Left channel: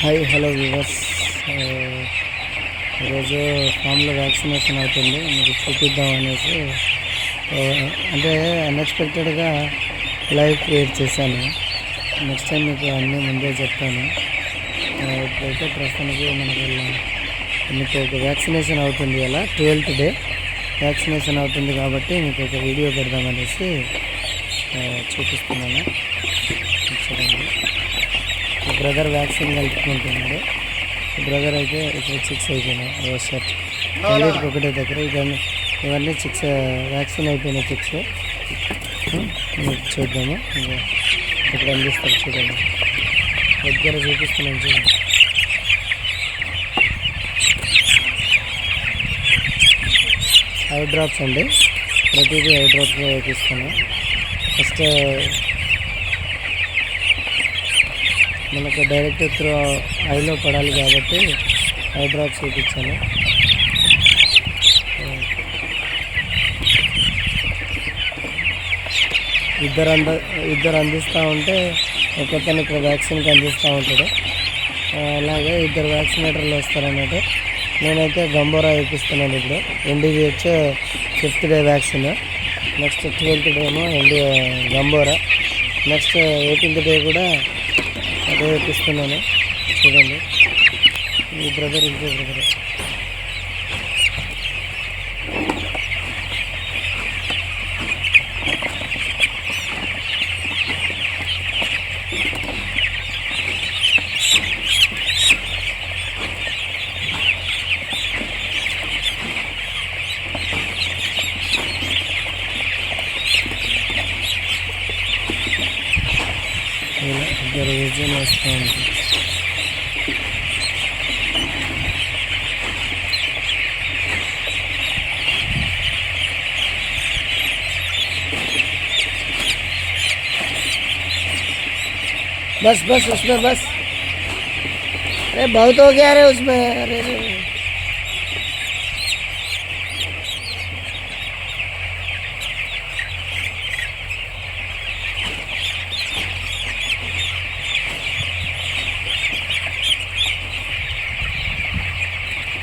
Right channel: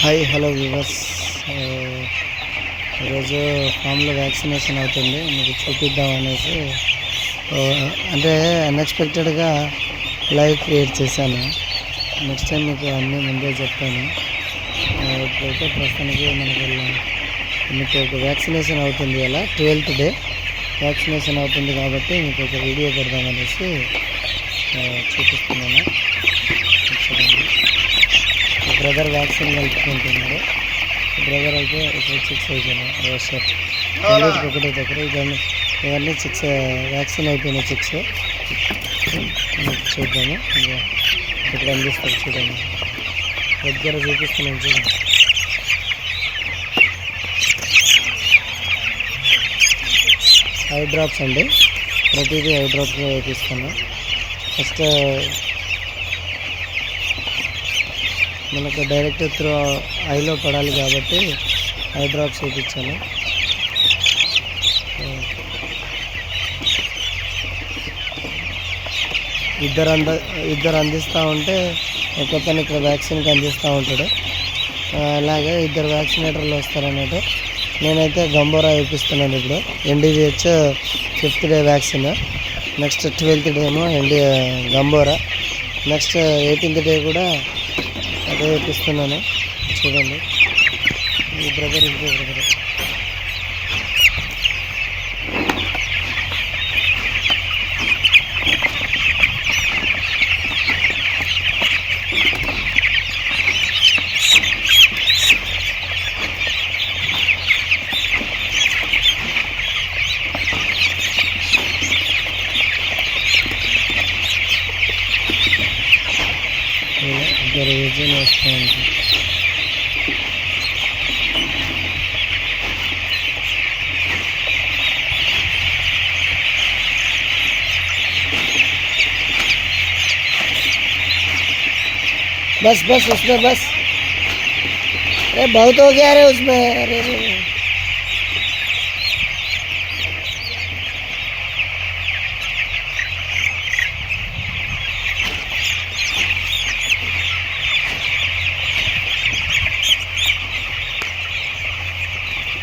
Hi hello viewers. ఈరోజు ఫామ్లో vaccination అవుతుంది, మీకు చూపిద్దాం అనేసి అంటే అన్ఎక్స్పెక్టెడ్గా లైవ్ క్రియేట్ చేశాను. నెక్స్ట్ టైం మీకు అన్నీ ముందే చెప్తాను. ఇప్పుడైతే ప్రస్తుతానికి మనకు మీకు ఒక వ్యాక్సినేషన్ అవుతుంది, అలా 12th డే వ్యాక్సినేషన్ అవుతుంది కాబట్టి మీకు ఒక వీడియో పెడదామనేసి చూపిస్తున్నాను. చూడండి, బ్రదర్ వ్యాక్సిన్ కలుపుకుంటున్నాడు. బ్రదర్ అయితే ఇప్పుడు 6 అయిపోయినాయి. సార్ రెండింటికి ఒకటే దగ్గర ఇవన్నీ 6 వ్యాక్సిన్ అయిపోయినాయి. 6 చూద్దాము. ఇప్పుడు అందిస్తారు చూడండి, దగ్గర చూపిస్తున్నాను చూడండి. ఐ డ్రాప్స్ అండి, ప్రతిదీ ఐ డ్రాప్స్ వేపిస్తాను. ఫస్ట్ మనకు డైరెక్ట్ త్రూ ఐలో పడాలి కాబట్టి ఐ డ్రాప్స్ వేయించాను. ఇద్దరు అందిస్తూ ఉంటే ఒకతను ఇక్కడ వ్యాక్సిన్కి అందిస్తూ ఉంటాడు. అలాగే ఇద్దరు వ్యాక్సినేటర్లు వస్తారన్నట్టు. నేనైతే గంబోరా వేపిస్తున్నాను. ఇప్పుడు NDVH 5th day vaccine, next 12th day ఏమో గంబోరా, నెక్స్ట్ 18th డే కూడా అదే వేపిస్తున్నాను. చూడండి, ఈ బ్రదర్ ఇంకో బ్రదర్. ఇద్దరు విజయం వేస్తూ ఉంటారు. बस बस उसमें बस, अरे बहुत हो गया रे उसमें, अरे